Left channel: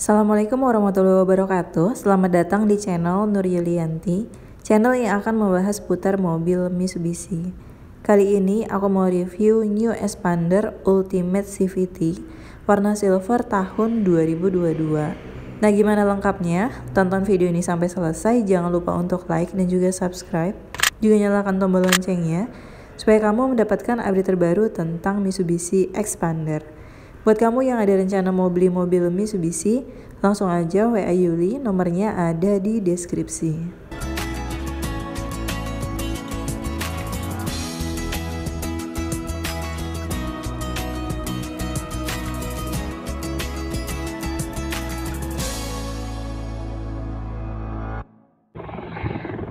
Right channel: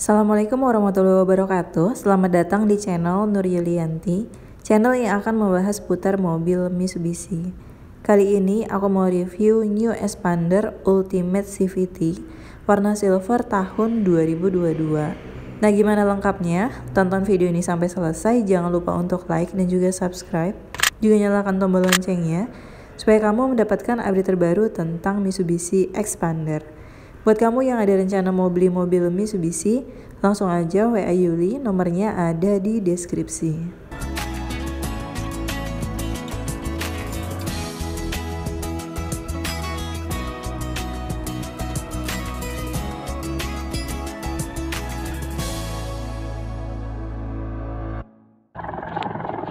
Assalamualaikum warahmatullahi wabarakatuh. Selamat datang di channel Nur Yulianti, channel yang akan membahas putar mobil Mitsubishi. Kali ini aku mau review New Expander Ultimate CVT warna silver tahun 2022. Nah, gimana lengkapnya? Tonton video ini sampai selesai. Jangan lupa untuk like dan juga subscribe. Juga nyalakan tombol loncengnya supaya kamu mendapatkan update terbaru tentang Mitsubishi Expander. Buat kamu yang ada rencana mau beli mobil Mitsubishi, langsung aja WA Yuli, nomornya ada di deskripsi.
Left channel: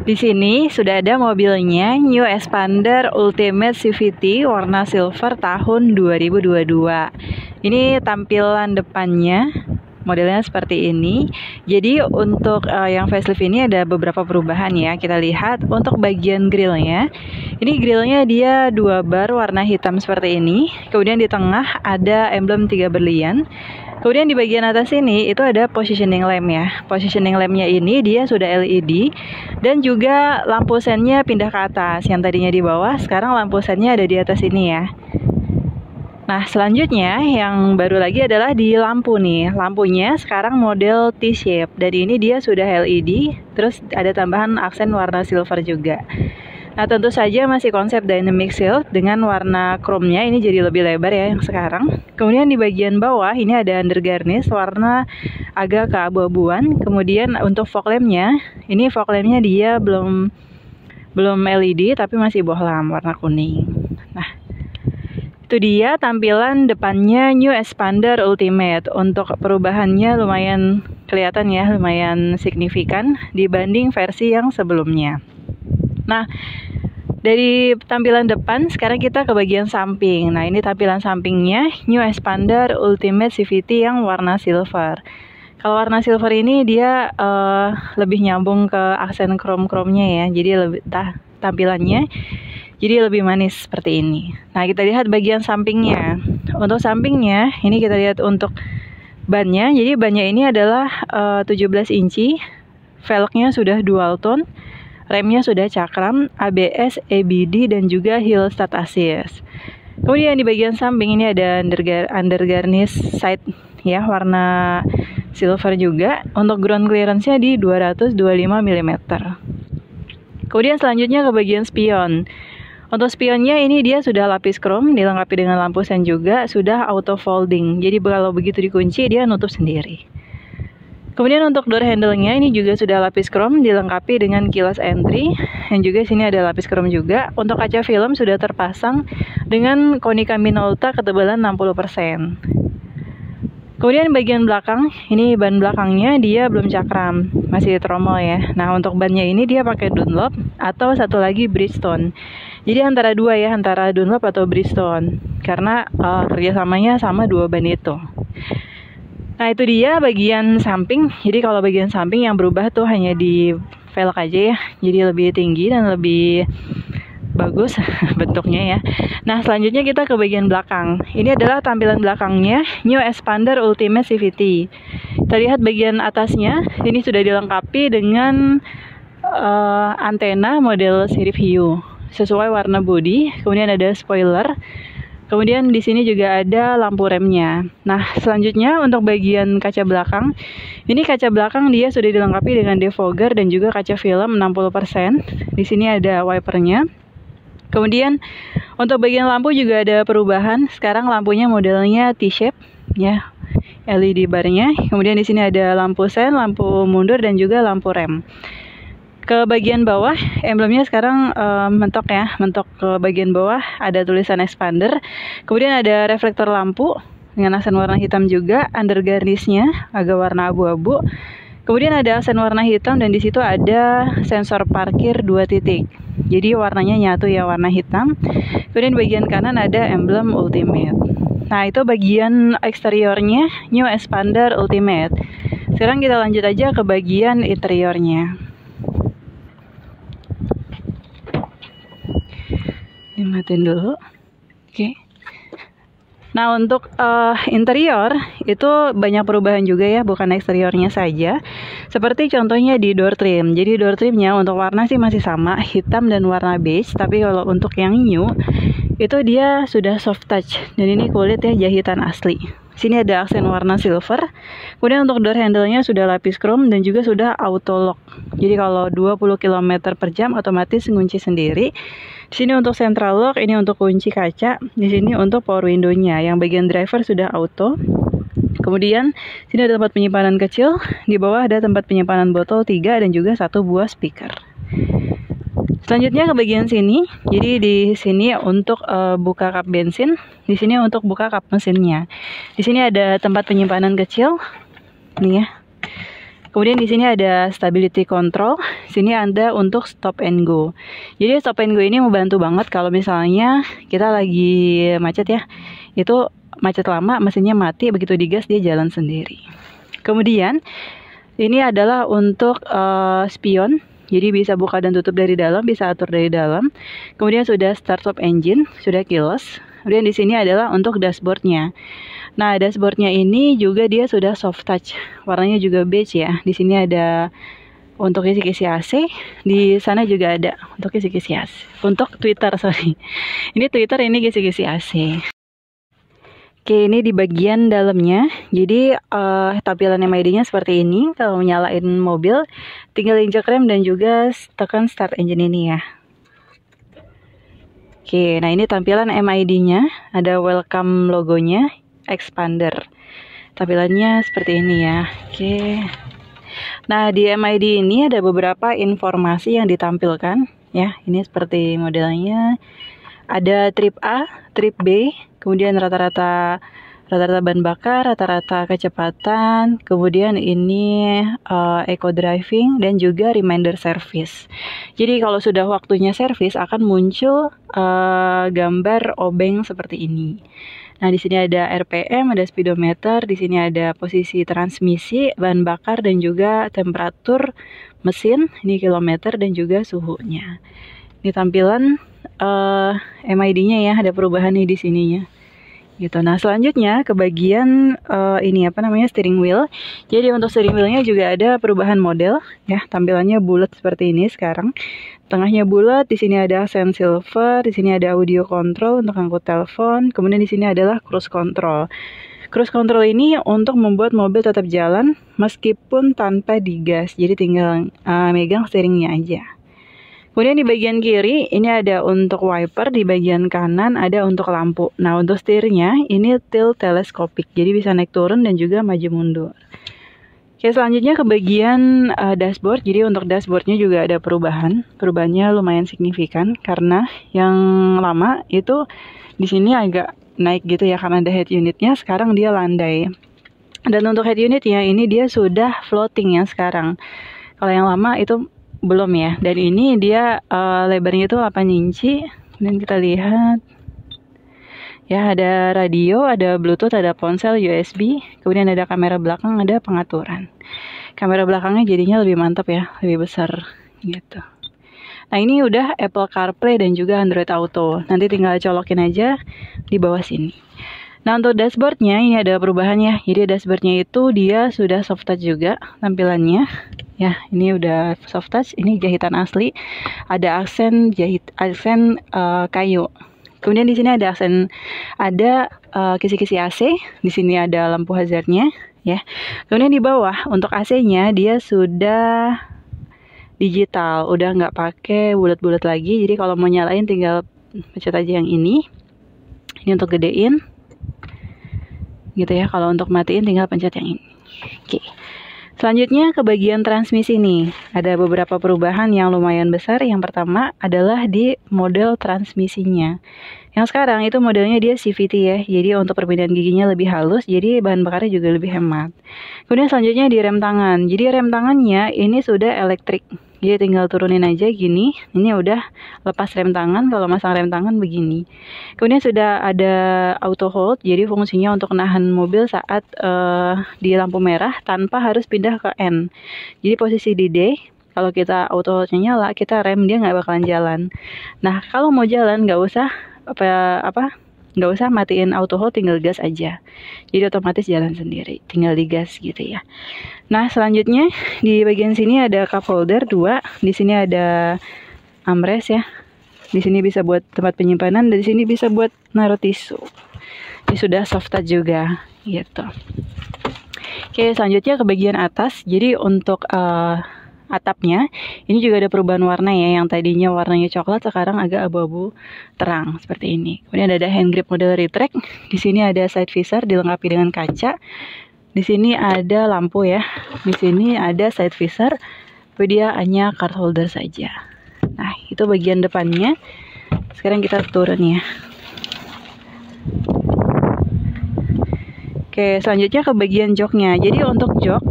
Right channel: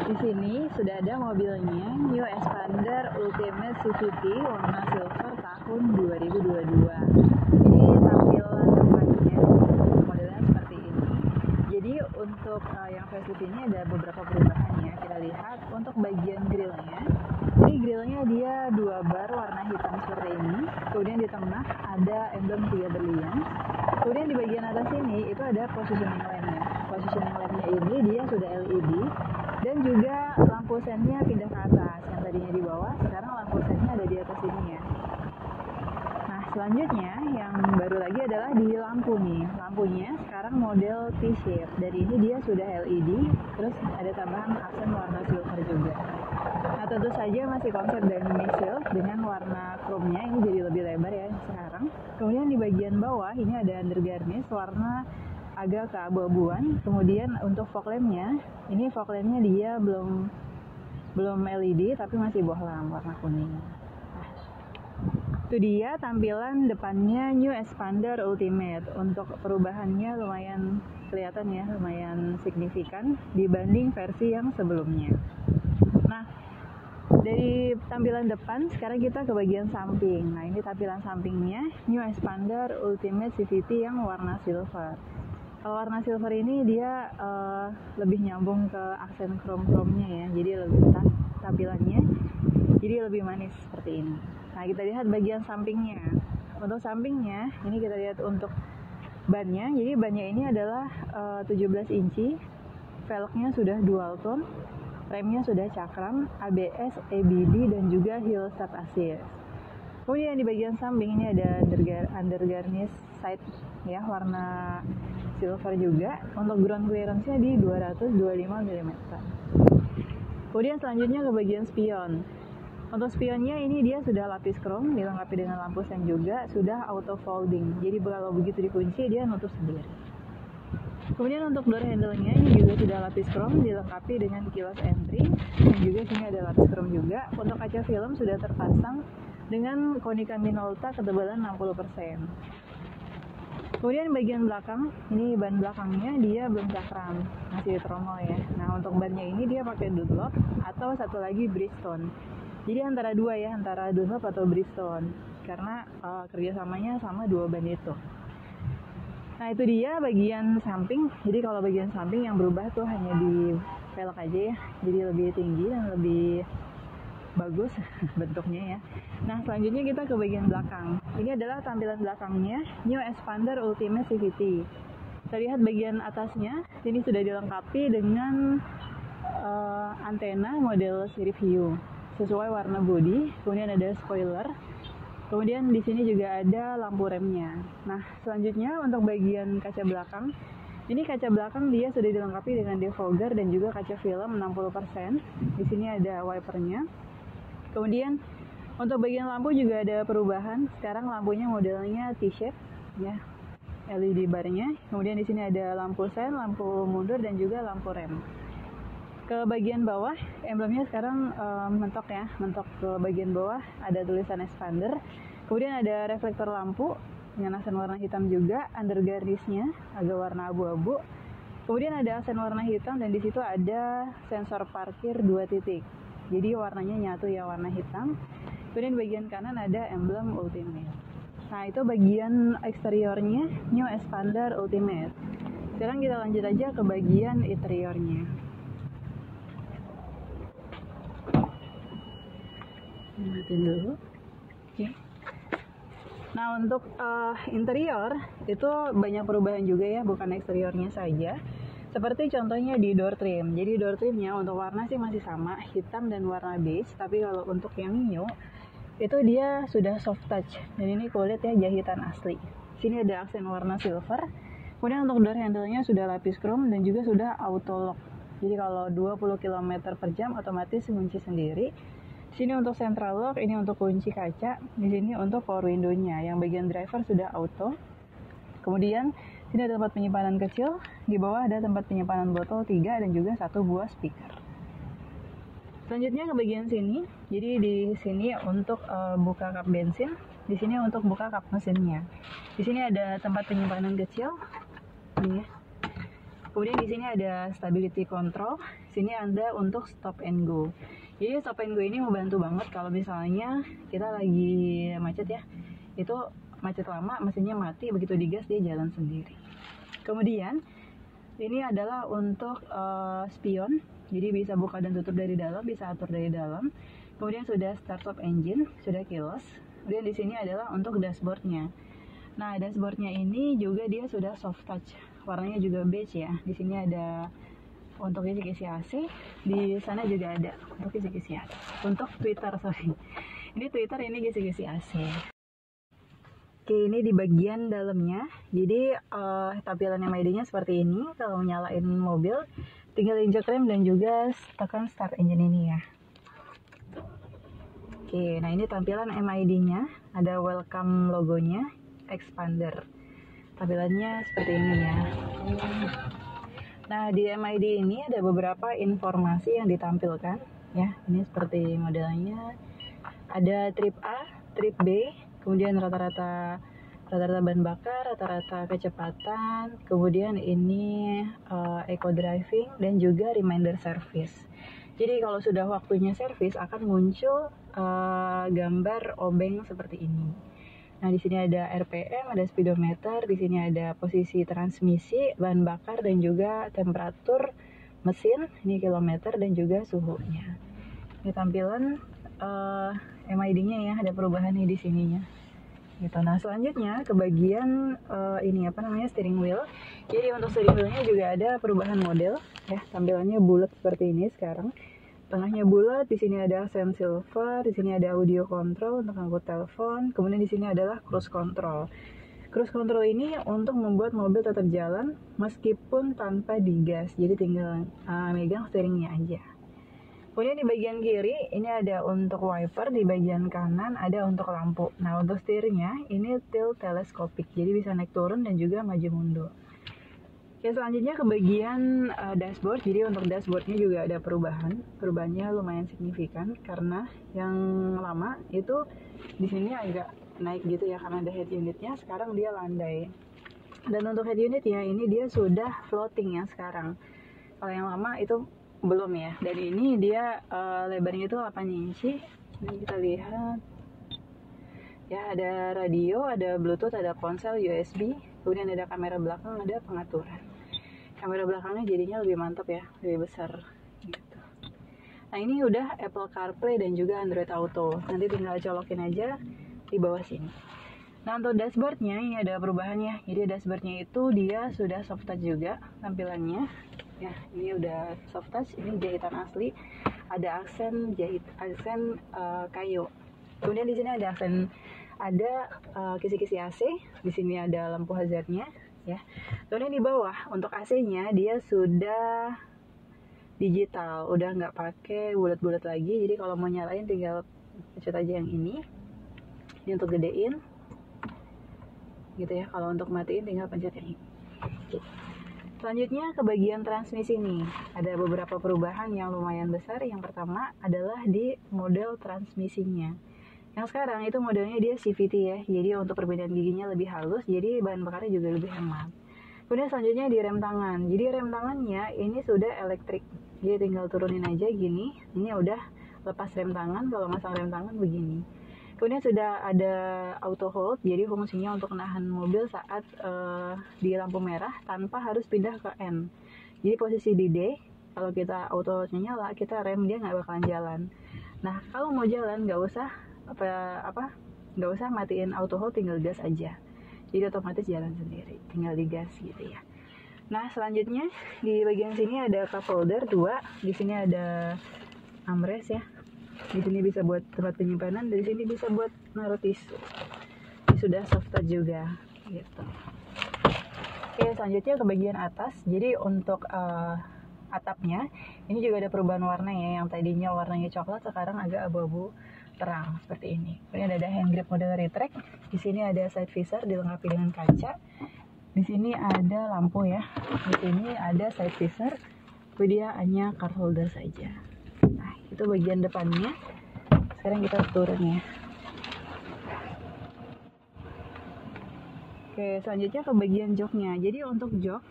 Di sini sudah ada mobilnya New Expander Ultimate CVT warna silver tahun 2022. Ini tampilan depannya, modelnya seperti ini. Jadi untuk yang facelift ini ada beberapa perubahan ya. Kita lihat untuk bagian grillnya. Ini grillnya dia 2 bar warna hitam seperti ini. Kemudian di tengah ada emblem 3 berlian. Kemudian di bagian atas ini itu ada positioning lamp ya. Positioning lampnya ini dia sudah LED dan juga lampu sennya pindah ke atas. Yang tadinya di bawah, sekarang lampu sennya ada di atas ini ya. Nah, selanjutnya yang baru lagi adalah di lampu nih. Lampunya sekarang model T-shape dan ini dia sudah LED, terus ada tambahan aksen warna silver juga. Nah, tentu saja masih konsep dynamic shield dengan warna chrome-nya ini jadi lebih lebar ya yang sekarang. Kemudian di bagian bawah ini ada under garnish warna agak keabu-abuan. Kemudian untuk fog lamp-nya, ini fog lamp-nya dia belum LED tapi masih bohlam warna kuning. Nah, itu dia tampilan depannya New Expander Ultimate. Untuk perubahannya lumayan kelihatan ya, lumayan signifikan dibanding versi yang sebelumnya. Nah, dari tampilan depan sekarang kita ke bagian samping. Nah, ini tampilan sampingnya New Expander Ultimate CVT yang warna silver. Kalau warna silver ini dia lebih nyambung ke aksen chrome-nya ya. Jadi lebih tampilannya jadi lebih manis seperti ini. Nah, kita lihat bagian sampingnya. Untuk sampingnya ini kita lihat untuk bannya. Jadi bannya ini adalah 17 inci. Velgnya sudah dual tone. Remnya sudah cakram, ABS, EBD, dan juga hill start assist. Kemudian di bagian samping ini ada under garnish side ya, warna silver juga. Untuk ground clearance-nya di 225 mm. Kemudian selanjutnya ke bagian spion. Untuk spionnya ini dia sudah lapis chrome, dilengkapi dengan lampu sen juga, sudah auto folding. Jadi kalau begitu dikunci dia nutup sendiri. Kemudian untuk door handle-nya ini juga sudah lapis chrome dilengkapi dengan keyless entry dan juga sini ada lapis chrome juga. Untuk kaca film sudah terpasang dengan Konica Minolta ketebalan 60%. Kemudian bagian belakang, ini ban belakangnya dia belum cakram, masih tromol ya. Nah, untuk bannya ini dia pakai Dunlop atau satu lagi Bridgestone. Jadi antara dua ya, antara Dunlop atau Bridgestone karena kerjasamanya sama dua ban itu. Nah, itu dia bagian samping. Jadi kalau bagian samping yang berubah tuh hanya di velg aja ya. Jadi lebih tinggi dan lebih bagus bentuknya ya. Nah, selanjutnya kita ke bagian belakang. Ini adalah tampilan belakangnya New Expander Ultimate CVT. Kita lihat bagian atasnya. Ini sudah dilengkapi dengan antena model sirip hiu sesuai warna bodi. Kemudian ada spoiler. Kemudian di sini juga ada lampu remnya. Nah, selanjutnya untuk bagian kaca belakang. Ini kaca belakang dia sudah dilengkapi dengan defogger dan juga kaca film 60%. Di sini ada wipernya. Kemudian untuk bagian lampu juga ada perubahan. Sekarang lampunya modelnya T-shape ya. LED barnya. Kemudian di sini ada lampu sen, lampu mundur dan juga lampu rem. Ke bagian bawah, emblemnya sekarang mentok ya, mentok ke bagian bawah ada tulisan Expander. Kemudian ada reflektor lampu dengan aksen warna hitam juga, under garnish-nya agak warna abu-abu. Kemudian ada aksen warna hitam dan di situ ada sensor parkir 2 titik. Jadi warnanya nyatu ya, warna hitam. Kemudian bagian kanan ada emblem Ultimate. Nah, itu bagian eksteriornya New Expander Ultimate. Sekarang kita lanjut aja ke bagian interiornya. Matiin dulu. Oke. Nah, untuk interior itu banyak perubahan juga ya, bukan eksteriornya saja. Seperti contohnya di door trim. Jadi door trimnya untuk warna sih masih sama, hitam dan warna beige. Tapi kalau untuk yang new itu dia sudah soft touch. Dan ini kulit ya, jahitan asli. Sini ada aksen warna silver. Kemudian untuk door handle-nya sudah lapis chrome dan juga sudah auto lock. Jadi kalau 20 km per jam otomatis ngunci sendiri. Di sini untuk central lock, ini untuk kunci kaca. Di sini untuk power window-nya. Yang bagian driver sudah auto. Kemudian sini ada tempat penyimpanan kecil. Di bawah ada tempat penyimpanan botol 3 dan juga 1 buah speaker. Selanjutnya ke bagian sini. Jadi di sini untuk buka kap bensin. Di sini untuk buka kap mesinnya. Di sini ada tempat penyimpanan kecil. Nih ya. Kemudian di sini ada stability control. Sini ada untuk stop and go. Jadi stop and go ini membantu banget kalau misalnya kita lagi macet ya. Itu macet lama, mesinnya mati, begitu digas dia jalan sendiri. Kemudian ini adalah untuk spion. Jadi bisa buka dan tutup dari dalam, bisa atur dari dalam. Kemudian sudah start stop engine, sudah keyless. Kemudian di sini adalah untuk dashboardnya. Nah, dashboardnya ini juga dia sudah soft touch, warnanya juga beige ya. Di sini ada untuk kisi-kisi AC, di sana juga ada untuk kisi-kisi AC. Untuk Twitter, sorry. Ini Twitter, ini kisi-kisi AC. Oke, ini di bagian dalamnya. Jadi tampilan MID-nya seperti ini. Kalau menyalain mobil, tinggal injek rem dan juga tekan start engine ini ya. Oke, nah ini tampilan MID-nya. Ada welcome logonya. Expander. Tampilannya seperti ini ya. Oke. Nah, di MID ini ada beberapa informasi yang ditampilkan ya. Ini seperti modelnya. Ada trip A, trip B, kemudian rata-rata bahan bakar, rata-rata kecepatan, kemudian ini eco driving dan juga reminder service. Jadi kalau sudah waktunya servis akan muncul gambar obeng seperti ini. Nah, di sini ada RPM, ada speedometer, di sini ada posisi transmisi, bahan bakar, dan juga temperatur mesin, ini kilometer, dan juga suhunya. Ini tampilan MID-nya ya, ada perubahan nih di sininya. Gitu. Nah, selanjutnya ke bagian ini apa namanya, steering wheel. Jadi untuk steering wheel-nya juga ada perubahan model ya, tampilannya bulat seperti ini sekarang. Tengahnya bulat, di sini ada aksen silver, di sini ada audio control untuk angkut telepon, kemudian di sini adalah cruise control. Cruise control ini untuk membuat mobil tetap jalan meskipun tanpa digas, jadi tinggal megang steeringnya aja. Kemudian di bagian kiri ini ada untuk wiper, di bagian kanan ada untuk lampu. Nah, untuk setirnya ini tilt teleskopik, jadi bisa naik turun dan juga maju mundur. Oke, selanjutnya ke bagian dashboard. Jadi untuk dashboardnya juga ada perubahan. Perubahannya lumayan signifikan karena yang lama itu di sini agak naik gitu ya karena ada head unitnya. Sekarang dia landai. Dan untuk head unitnya ini dia sudah floating ya sekarang. Kalau yang lama itu belum ya. Dan ini dia lebarnya itu 8 inci. Dan kita lihat. Ya, ada radio, ada Bluetooth, ada ponsel, USB, kemudian ada kamera belakang, ada pengaturan. Kamera belakangnya jadinya lebih mantap ya, lebih besar gitu. Nah, ini udah Apple CarPlay dan juga Android Auto. Nanti tinggal colokin aja di bawah sini. Nah, untuk dashboardnya ini ada perubahannya. Jadi dashboardnya itu dia sudah soft touch juga tampilannya. Ya, ini udah soft touch, ini jahitan asli. Ada aksen kayu. Kemudian di sini ada aksen, ada kisi-kisi AC. Di sini ada lampu hazardnya, ya. Kemudian di bawah untuk AC-nya dia sudah digital, udah nggak pakai bulat-bulat lagi. Jadi kalau mau nyalain tinggal pencet aja yang ini. Ini untuk gedein, gitu ya. Kalau untuk matiin tinggal pencet yang ini. Oke. Selanjutnya ke bagian transmisi nih. Ada beberapa perubahan yang lumayan besar. Yang pertama adalah di model transmisinya. Yang sekarang itu modelnya dia CVT ya. Jadi untuk perbedaan giginya lebih halus, jadi bahan bakarnya juga lebih hemat. Kemudian selanjutnya di rem tangan. Jadi rem tangannya ini sudah elektrik. Jadi tinggal turunin aja gini. Ini udah lepas rem tangan. Kalau masang rem tangan begini. Kemudian sudah ada auto hold. Jadi fungsinya untuk nahan mobil saat di lampu merah tanpa harus pindah ke N. Jadi posisi di D. Kalau kita auto hold-nya nyala, kita rem dia nggak bakalan jalan. Nah, kalau mau jalan nggak usah nggak usah matiin auto hold, tinggal gas aja. Jadi otomatis jalan sendiri, tinggal digas gitu ya. Nah, selanjutnya di bagian sini ada cup holder 2, di sini ada armrest ya. Di sini bisa buat tempat penyimpanan, dan di sini bisa buat naruh tisu. Ini sudah soft touch juga gitu. Oke, selanjutnya ke bagian atas. Jadi untuk atapnya ini juga ada perubahan warna ya, yang tadinya warnanya coklat sekarang agak abu-abu terang seperti ini. Kemudian ada hand grip model retract. Di sini ada side visor dilengkapi dengan kaca. Di sini ada lampu ya. Di sini ada side visor. Dia hanya card holder saja. Nah, itu bagian depannya. Sekarang kita turun ya. Oke, selanjutnya ke bagian joknya. Jadi untuk jok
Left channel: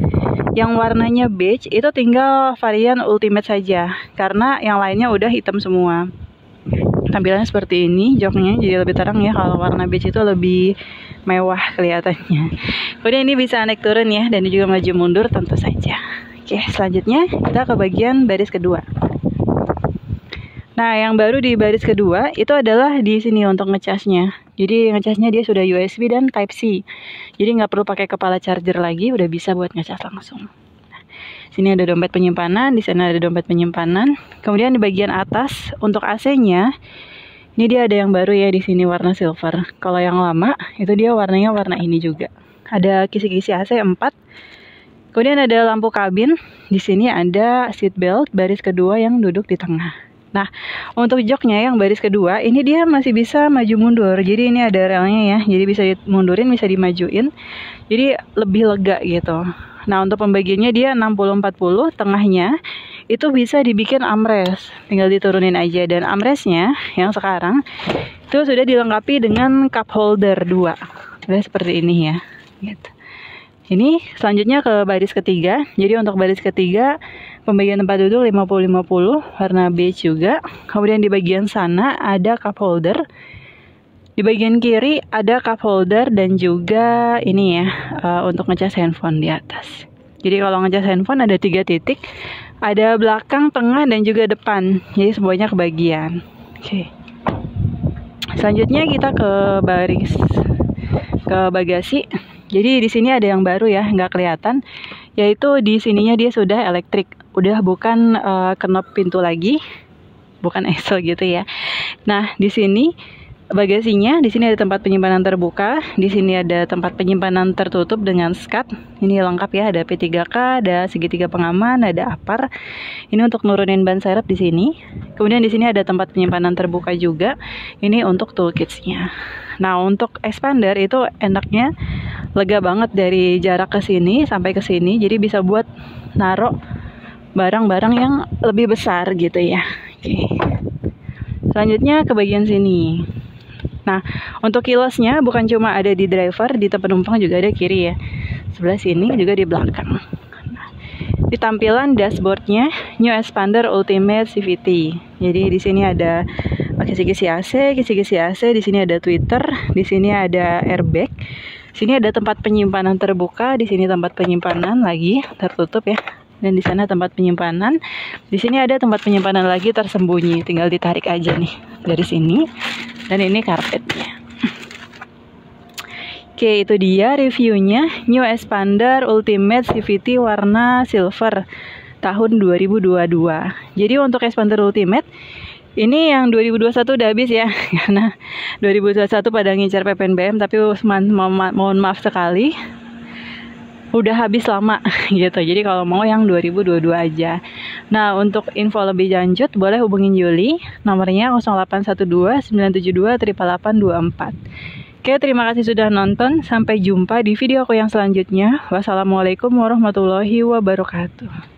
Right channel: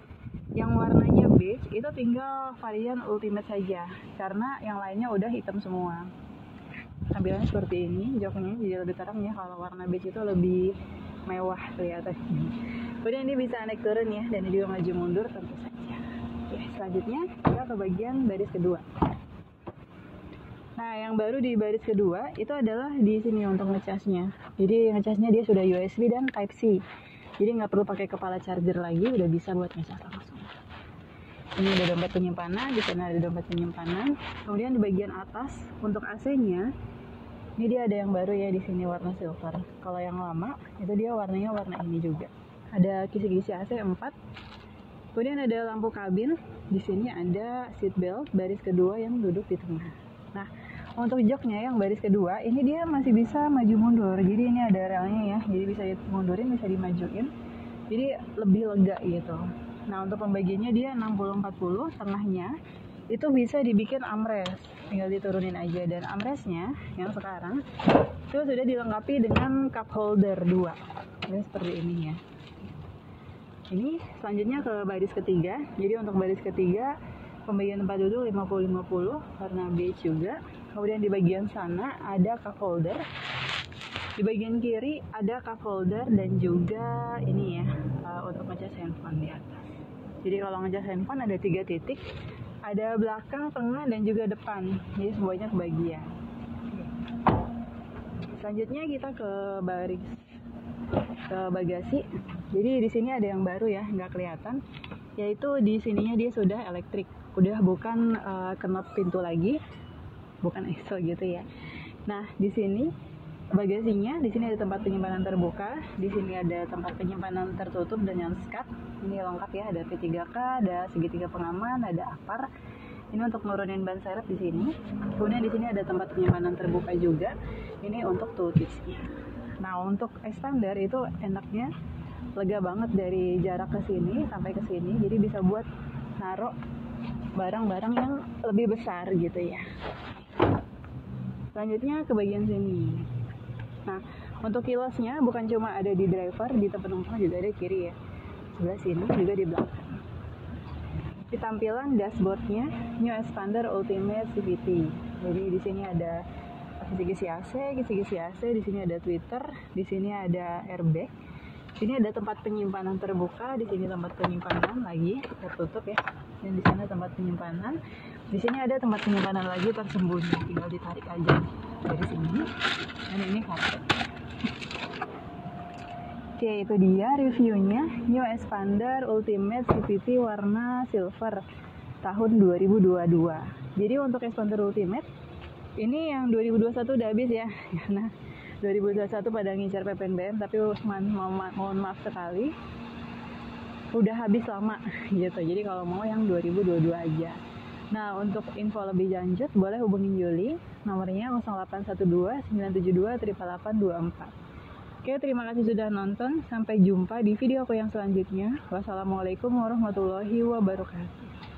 yang warnanya beige itu tinggal varian Ultimate saja, karena yang lainnya udah hitam semua. Tampilannya seperti ini, joknya jadi lebih terang ya. Kalau warna beige itu lebih mewah kelihatannya. Kemudian ini bisa naik turun ya, dan juga maju mundur tentu saja. Oke, selanjutnya kita ke bagian baris kedua. Nah, yang baru di baris kedua itu adalah di sini untuk ngecasnya. Jadi ngecasnya dia sudah USB dan Type C. Jadi nggak perlu pakai kepala charger lagi, udah bisa buat ngecas langsung. Ini ada dompet penyimpanan, di sana ada dompet penyimpanan. Kemudian di bagian atas untuk AC-nya, ini dia ada yang baru ya, di sini warna silver. Kalau yang lama itu dia warnanya warna ini juga. Ada kisi-kisi AC 4. Kemudian ada lampu kabin. Di sini ada seat belt baris kedua yang duduk di tengah. Nah, untuk joknya yang baris kedua, ini dia masih bisa maju mundur. Jadi ini ada relnya ya, jadi bisa dimundurin, bisa dimajuin. Jadi lebih lega gitu. Nah, untuk pembagiannya dia 60-40, tengahnya itu bisa dibikin armrest. Tinggal diturunin aja, dan armrestnya yang sekarang itu sudah dilengkapi dengan cup holder 2. Udah seperti ini ya. Gitu. Ini selanjutnya ke baris ketiga. Jadi untuk baris ketiga, pembagian tempat duduk 50-50, warna beige juga. Kemudian di bagian sana ada cup holder. Di bagian kiri ada cup holder dan juga ini ya, untuk ngecas handphone di atas. Jadi kalau ngecas handphone ada 3 titik. Ada belakang, tengah, dan juga depan. Jadi semuanya kebagian. Oke. Selanjutnya kita ke bagasi. Jadi di sini ada yang baru ya, nggak kelihatan. Yaitu di sininya dia sudah elektrik. Udah bukan knop pintu lagi, bukan engsel gitu ya. Nah, di sini bagasinya, di sini ada tempat penyimpanan terbuka, di sini ada tempat penyimpanan tertutup dengan skat. Ini lengkap ya, ada P3K, ada segitiga pengaman, ada apar. Ini untuk nurunin ban serep di sini. Kemudian di sini ada tempat penyimpanan terbuka juga. Ini untuk toolkitsnya. Nah, untuk expander itu enaknya lega banget dari jarak ke sini sampai ke sini. Jadi bisa buat naruh barang-barang yang lebih besar gitu ya. Oke. Selanjutnya ke bagian sini. Nah, untuk kiosnya bukan cuma ada di driver, di tempat penumpang juga ada kiri ya. Sebelah sini juga di belakang. Nah, di tampilan dashboardnya New Expander Ultimate CVT. Jadi di sini ada kisi-kisi AC, di sini ada tweeter, di sini ada airbag. Sini ada tempat penyimpanan terbuka, di sini tempat penyimpanan lagi tertutup ya. Dan di sana tempat penyimpanan. Di sini ada tempat penyimpanan lagi tersembunyi, tinggal ditarik aja nih dari sini. Dan ini karpetnya. Oke, itu dia reviewnya New Expander Ultimate CVT warna silver tahun 2022. Jadi untuk Expander Ultimate ini yang 2021 udah habis ya, karena 2021 pada ngincar PPNBM, tapi mohon maaf sekali udah habis lama gitu. Jadi kalau mau yang 2022 aja. Nah, untuk info lebih lanjut boleh hubungin Yuli, nomornya 0812 972 8824. Oke, terima kasih sudah nonton. Sampai jumpa di video aku yang selanjutnya. Wassalamualaikum warahmatullahi wabarakatuh.